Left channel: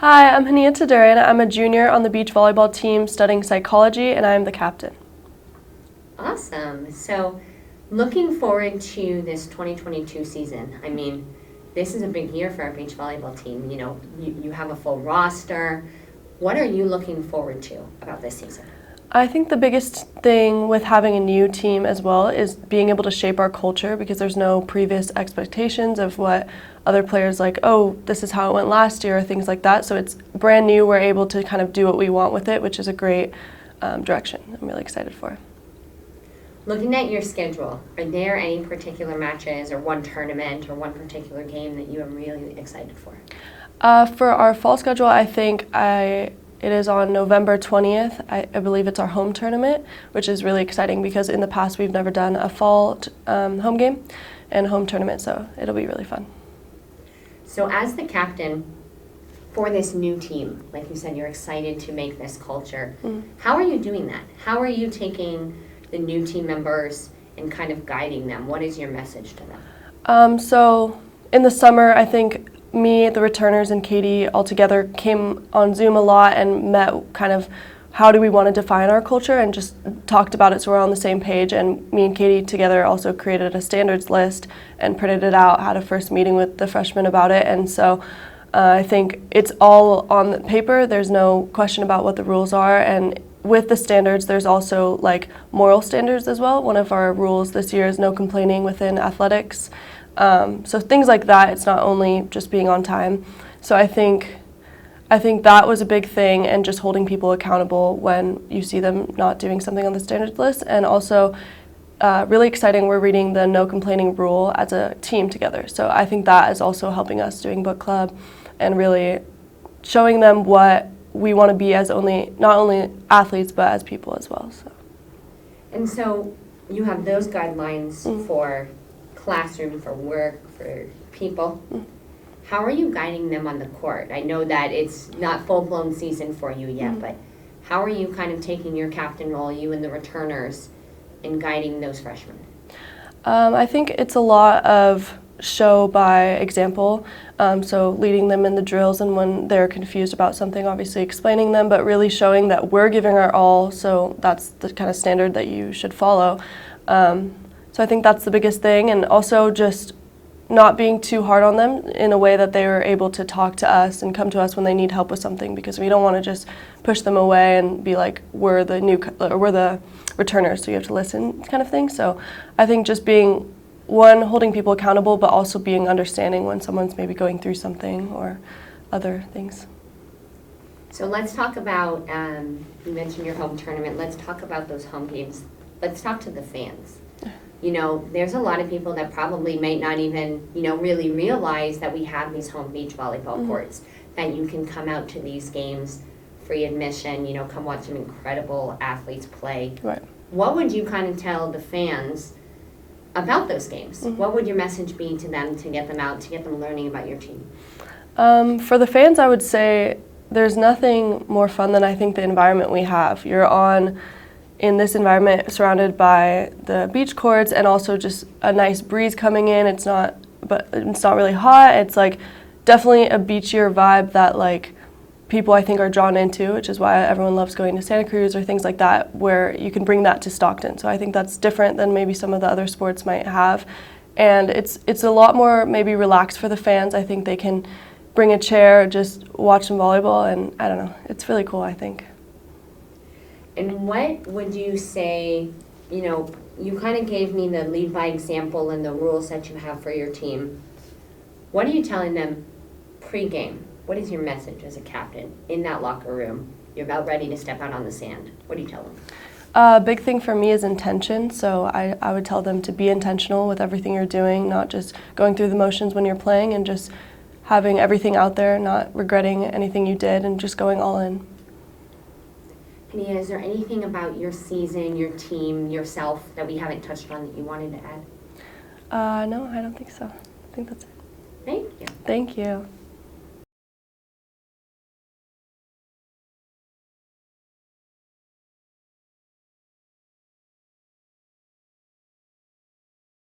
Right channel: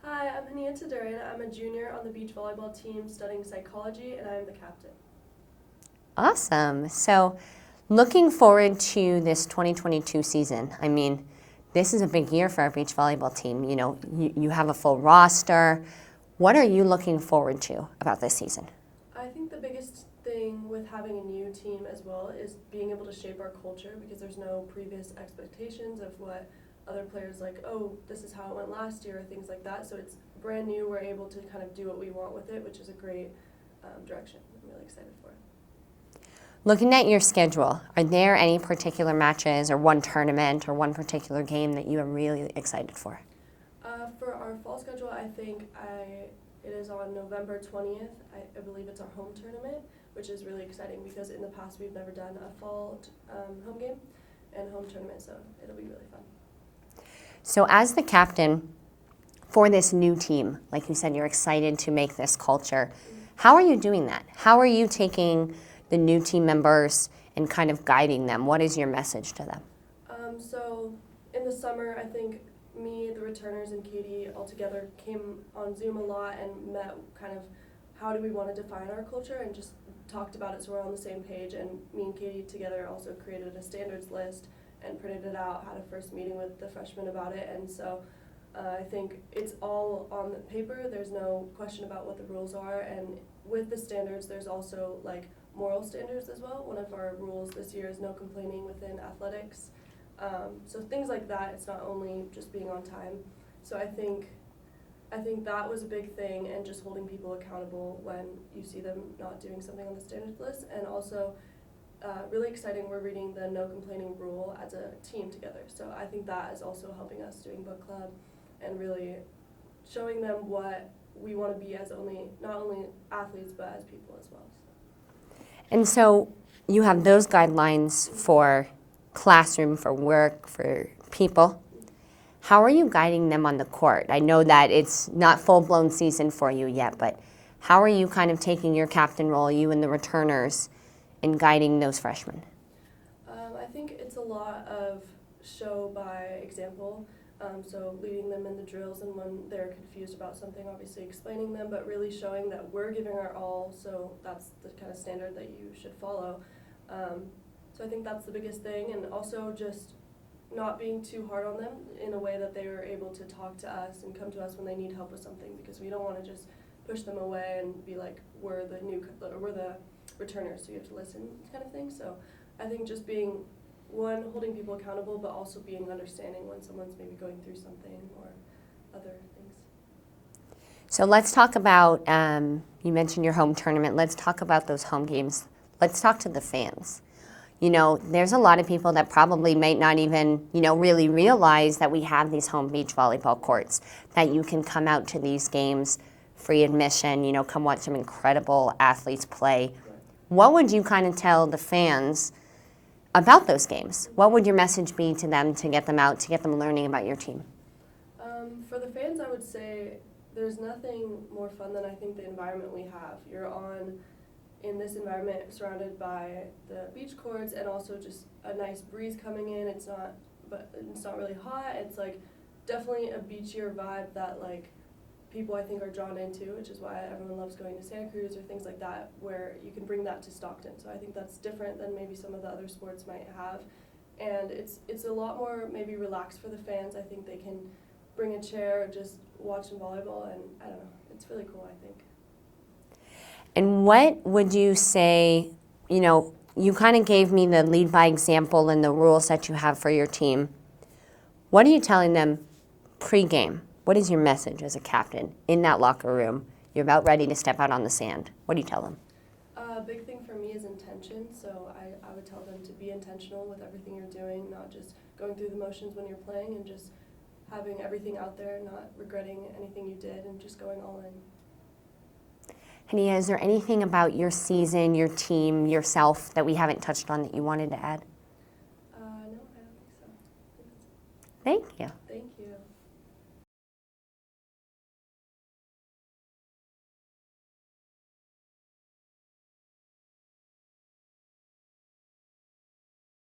Hi, I'm HANIA TADURAN. I'm a junior on the beach volleyball team studying psychology, and I am the captain. Awesome. So looking forward to this 2022 season. I mean, this is a big year for our beach volleyball team. You know, you have a full roster. What are you looking forward to about this season? I think the biggest thing with having a new team as well is being able to shape our culture, because there's no previous expectations of what other players like, oh, this is how it went last year, or things like that. So it's brand new. We're able to kind of do what we want with it, which is a great direction. I'm really excited for. Looking at your schedule, are there any particular matches or one tournament or one particular game that you are really excited for? For our fall schedule, I think it is on November 20th. I believe it's our home tournament, which is really exciting because in the past we've never done a fall home game and home tournament, so it'll be really fun. So as the captain for this new team, like you said, you're excited to make this culture. Mm-hmm. How are you doing that? How are you taking the new team members and kind of guiding them? What is your message to them? So in the summer, I think me, the returners, and Katie all together came on Zoom a lot and met kind of how do we want to define our culture, and just talked about it so we're on the same page. And me and Katie together also created a standards list and printed it out, had a first meeting with the freshmen about it. And so I think it's all on the paper. There's no question about what the rules are. And with the standards, there's also like moral standards as well. One of our rules this year is no complaining within athletics. So things like that, it's not only just being on time. So I think that was a big thing, and just holding people accountable when you see them not doing something on the standards list. And also really exciting, we're reading the no complaining rule as a team together. So I think that is also helping us doing book club and really showing them what we want to be as not only athletes but as people as well. So. And so you have those guidelines mm-hmm. for classroom, for work, for people. Mm-hmm. How are you guiding them on the court? I know that it's not full-blown season for you yet, mm-hmm. but how are you kind of taking your captain role, you and the returners, in guiding those freshmen? I think it's a lot of show by example, so leading them in the drills, and when they're confused about something, obviously explaining them, but really showing that we're giving our all, so that's the kind of standard that you should follow. So I think that's the biggest thing, and also just not being too hard on them in a way that they are able to talk to us and come to us when they need help with something, because we don't want to just push them away and be like, we're the returners, so you have to listen kind of thing. So I think just being, one, holding people accountable, but also being understanding when someone's maybe going through something or other things. So let's talk about, you mentioned your home tournament, let's talk about those home games. Let's talk to the fans. You know, there's a lot of people that probably might not even, really realize that we have these home beach volleyball mm-hmm. courts, that you can come out to these games, free admission, come watch some incredible athletes play. Right. What would you kind of tell the fans about those games? Mm-hmm. What would your message be to them to get them out, to get them learning about your team? For the fans, I would say there's nothing more fun than I think the environment we have. You're in this environment surrounded by the beach courts, and also just a nice breeze coming in. It's not really hot. It's like definitely a beachier vibe that like people I think are drawn into, which is why everyone loves going to Santa Cruz or things like that, where you can bring that to Stockton. So I think that's different than maybe some of the other sports might have. And it's a lot more maybe relaxed for the fans. I think they can bring a chair, just watch some volleyball, and I don't know, it's really cool, I think. And what would you say, you kind of gave me the lead by example and the rules that you have for your team. What are you telling them pre-game? What is your message as a captain in that locker room? You're about ready to step out on the sand. What do you tell them? A big thing for me is intention. So I would tell them to be intentional with everything you're doing, not just going through the motions when you're playing, and just having everything out there, not regretting anything you did, and just going all in. HANIA, is there anything about your season, your team, yourself that we haven't touched on that you wanted to add? No, I don't think so. I think that's it. Thank you. Thank you.